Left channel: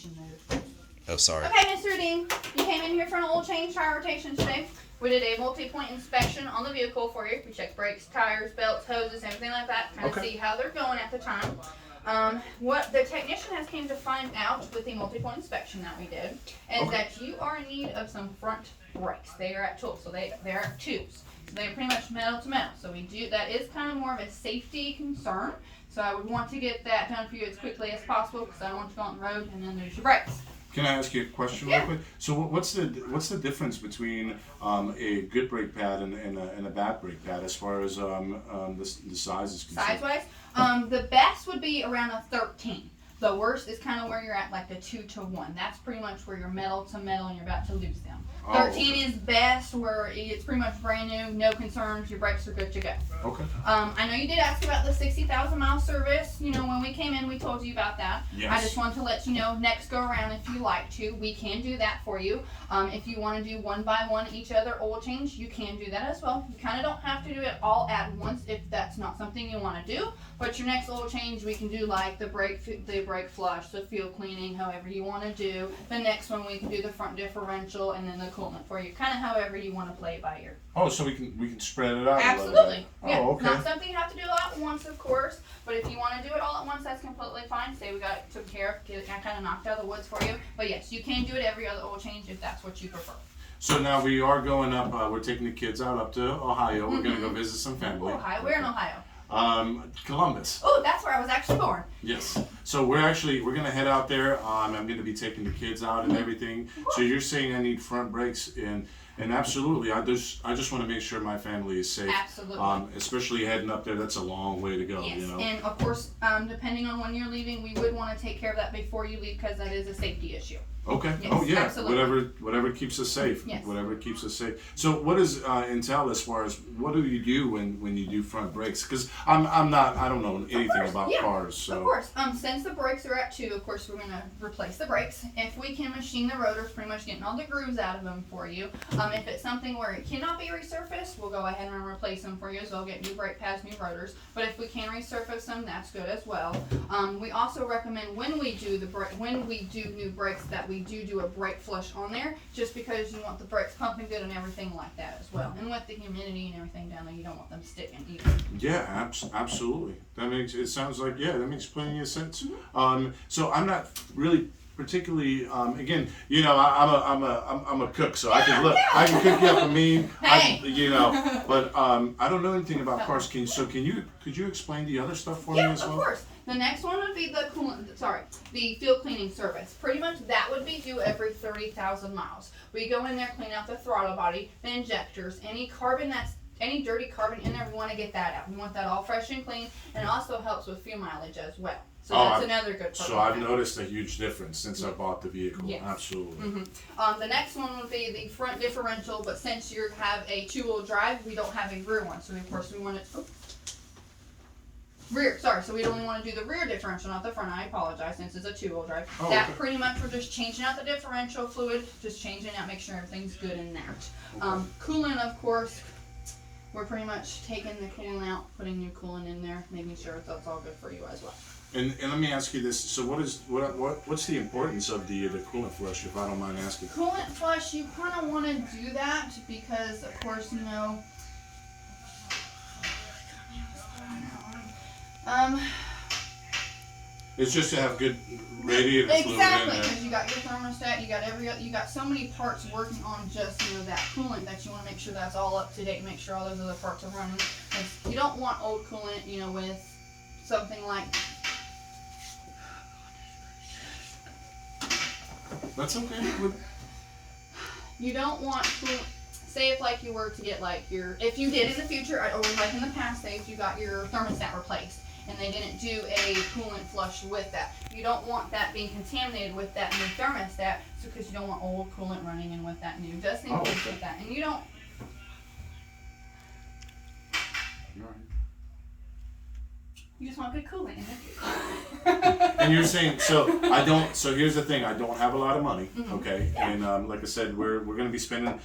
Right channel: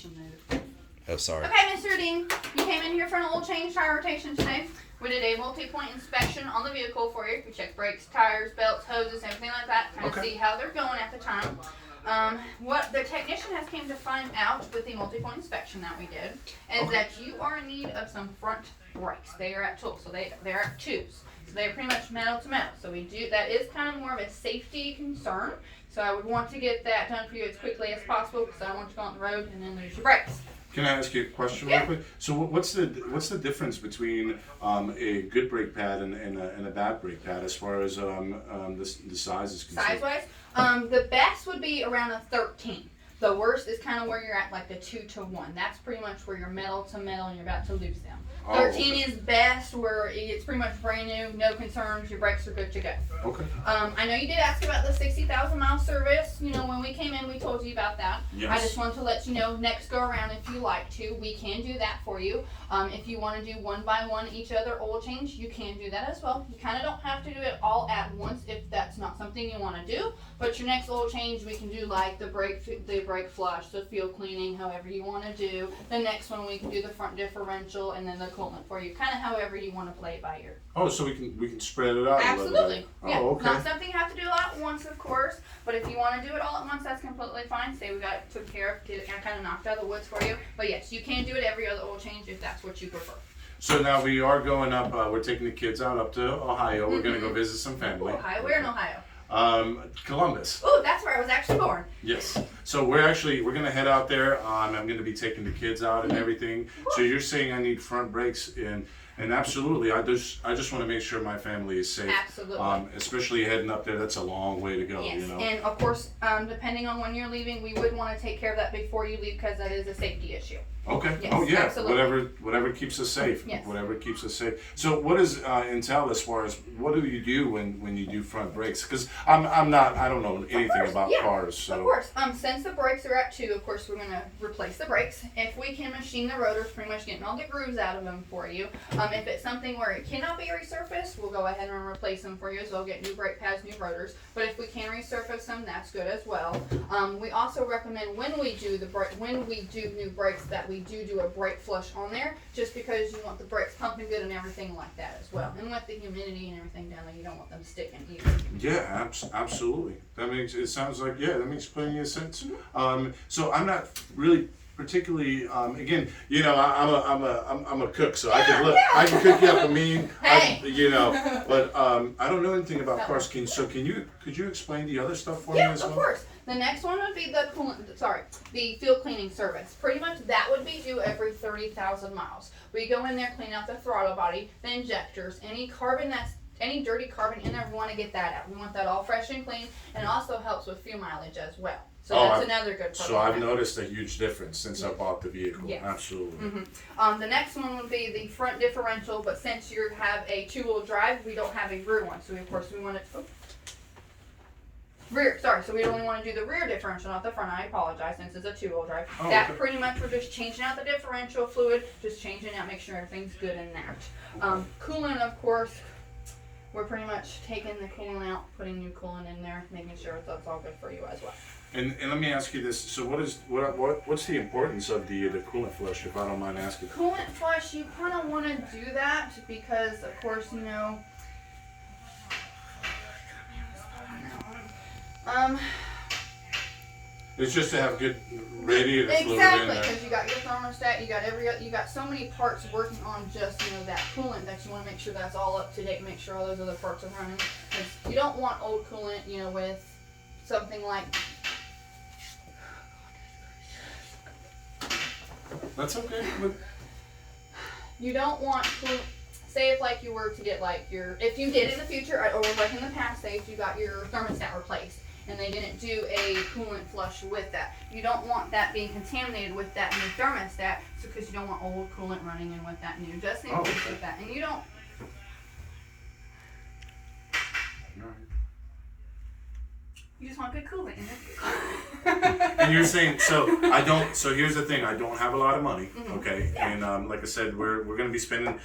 technician noted. Oh, sorry. Okay, Mr. Dean, you came in here for an oil change, tire rotation today. We did a multi-point inspection on the vehicle for you. We checked brakes, tires, belts, hoses, everything like that, kind of see how they're going at the time. What the technician has came to find out with the multi-point inspection that we did is that you are in need of some front brakes. They are at tools, so they're at tubes. So they're pretty much metal to metal. So that is kind of more of a safety concern. So I would want to get that done for you as quickly as possible because I don't want you to go on the road and then lose your brakes. Can I ask you a question real quick? So what's the difference between a good brake pad and a bad brake pad as far as the size is concerned? Size-wise, the best would be around a 13. The worst is kind of where you're at, like the 2-to-1. That's pretty much where you're metal to metal and you're about to lose them. 13 is best, where it's pretty much brand new, no concerns, your brakes are good to go. Okay. I know you did ask about the 60,000 mile service. You know, when we came in, we told you about that. Yes. I just wanted to let you know, next go around, if you like to, we can do that for you. If you want to do one by one each other oil change, you can do that as well. You kind of don't have to do it all at once if that's not something you want to do. But your next oil change, we can do like the brake flush, the fuel cleaning, however you want to do. The next one, we can do the front differential and then the coolant for you, kind of however you want to play it by ear. Oh, so we can spread it out. Absolutely. Yeah. Oh, okay. Not something you have to do all at once, of course, but if you want to do it all at once, that's completely fine. Say we got it took care of, get it kind of knocked out of the woods for you. But yes, you can do it every other oil change if that's what you prefer. So now we are going up. We're taking the kids out up to Ohio. We're going to go visit some family. Ohio. Where in Ohio? Columbus. Oh, that's where I was actually born. Yes. So we're going to head out there. I'm going to be taking the kids out and everything. So you're saying I need front brakes and absolutely, I just want to make sure my family is safe. Absolutely. Especially heading up there, that's a long way to go. Yes, you know. and of course, depending on when you're leaving, we would want to take care of that before you leave because that is a safety issue. Okay. Yes, oh yeah. absolutely. Whatever keeps us safe. Yes. Whatever keeps us safe. So what does entail as far as what do you do when you do front brakes? Because I don't know anything about cars. So. Of course. Since the brakes are at 2, of course we're gonna replace the brakes. If we can machine the rotors, pretty much getting all the grooves out of them for you. If it's something where it cannot be resurfaced, we'll go ahead and replace them for you as well. Get new brake pads, new rotors. But if we can resurface them, that's good as well. We also recommend when we do new brakes that we do a brake flush on there, just because you want the brakes pumping good and everything like that as well. And with the humidity and everything down there, you don't want them sticking either. Yeah, absolutely. That makes that makes plenty of sense. So I'm not really particularly again, you know, I'm a cook, so I can cook you up a mean. Hey. But I don't know anything about cars. Could you explain the other stuff for me as well? Of course. The next one would be the fuel cleaning service. Pretty much that would be due every 30,000 miles. We go in there, clean out the throttle body, the injectors, any dirty carbon in there, we want to get that out. We want that all fresh and clean, and it also helps with fuel mileage as well. So that's another good program. So I've noticed a huge difference since I bought the vehicle. Yes. Absolutely. The next one would be the front differential, but since you have a 2-wheel drive, we don't have a rear one. So of course we want to so we'd only want to do the rear differential, not the front. I apologize, since it's a 2-wheel drive. Pretty much we're just changing out the differential fluid, just changing out, make sure everything's good in that. Coolant, of course, we're pretty much taking the coolant out, putting new coolant in there, making sure that's all good for you as well. And let me ask you this: so what's the importance of the coolant flush, if I don't mind asking? Coolant flush, you kind of want to do that because, of course, you know. It's just to have good radiator fluid in exactly, there. because you got your thermostat, you got so many parts working on just that coolant that you want to make sure that's all up to date, and make sure all those other parts are running. You don't want old coolant, with something like. That's okay. You don't want coolant. Say if you were to get if you did in the future, or in the past, say if you got your thermostat replaced and they didn't do a coolant flush with that, you don't want that being contaminated with that new thermostat, because you don't want old coolant running in with that new, just in case with that. And you don't. You just want good coolant in it. And you're saying, so here's the thing, I don't have a lot of money, okay? Yeah. And like I said, we're going to be spending,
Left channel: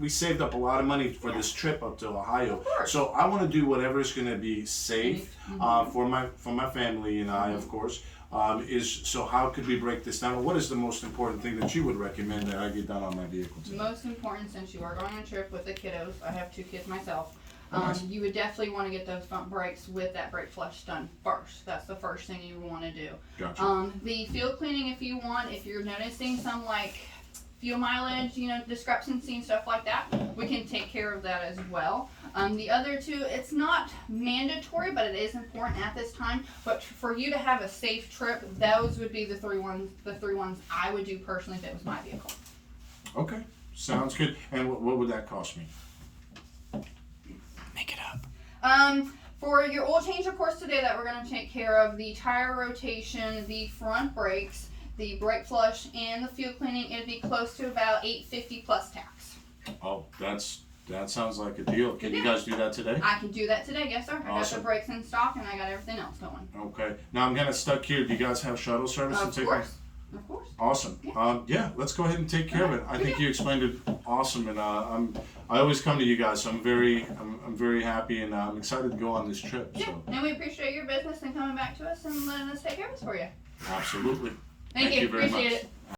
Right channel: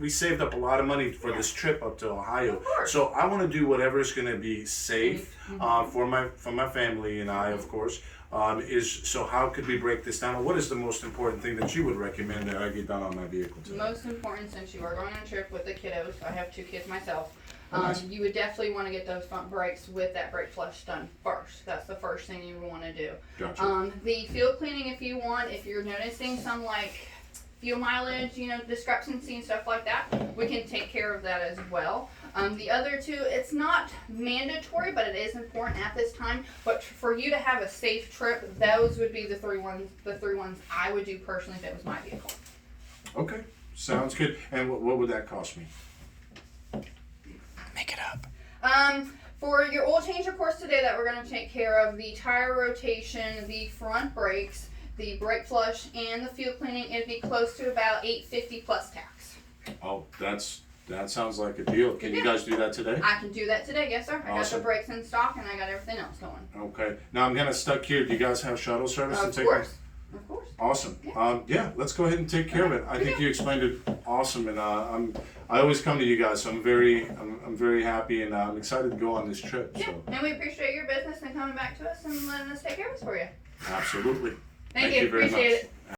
we saved up a lot of money for this trip up to Ohio. Of course. So I want to do whatever is going to be safe for my family and I, of course. So how could we break this down? Or what is the most important thing that you would recommend that I get done on my vehicle today? Most important, since you are going on a trip with the kiddos, I have 2 kids myself. Nice. You would definitely want to get those front brakes with that brake flush done first. That's the first thing you want to do. Gotcha. The fuel cleaning, if you want, if you're noticing some like fuel mileage, discrepancy and stuff like that, we can take care of that as well. The other 2, it's not mandatory, but it is important at this time. But for you to have a safe trip, those would be the 3 ones. The 3 ones I would do personally if it was my vehicle. Okay, sounds good. And what would that cost me? Make it up. For your oil change, of course, today that we're going to take care of the tire rotation, the front brakes, the brake flush, and the fuel cleaning, it'd be close to about $850 plus tax. Oh, that sounds like a deal. Can you guys do that today? I can do that today, yes sir. I got Awesome. the brakes in stock and I got everything else going. Okay. Now I'm kind of stuck here. Do you guys have shuttle service to Of take? course. Of course. Awesome. Yeah, let's go ahead and take care of it. I think you explained it awesome, and I always come to you guys, so I'm very happy, and I'm excited to go on this trip. Yeah, So and we appreciate your business and coming back to us and letting us take care of this for you. absolutely. Thank you. very Appreciate much. it.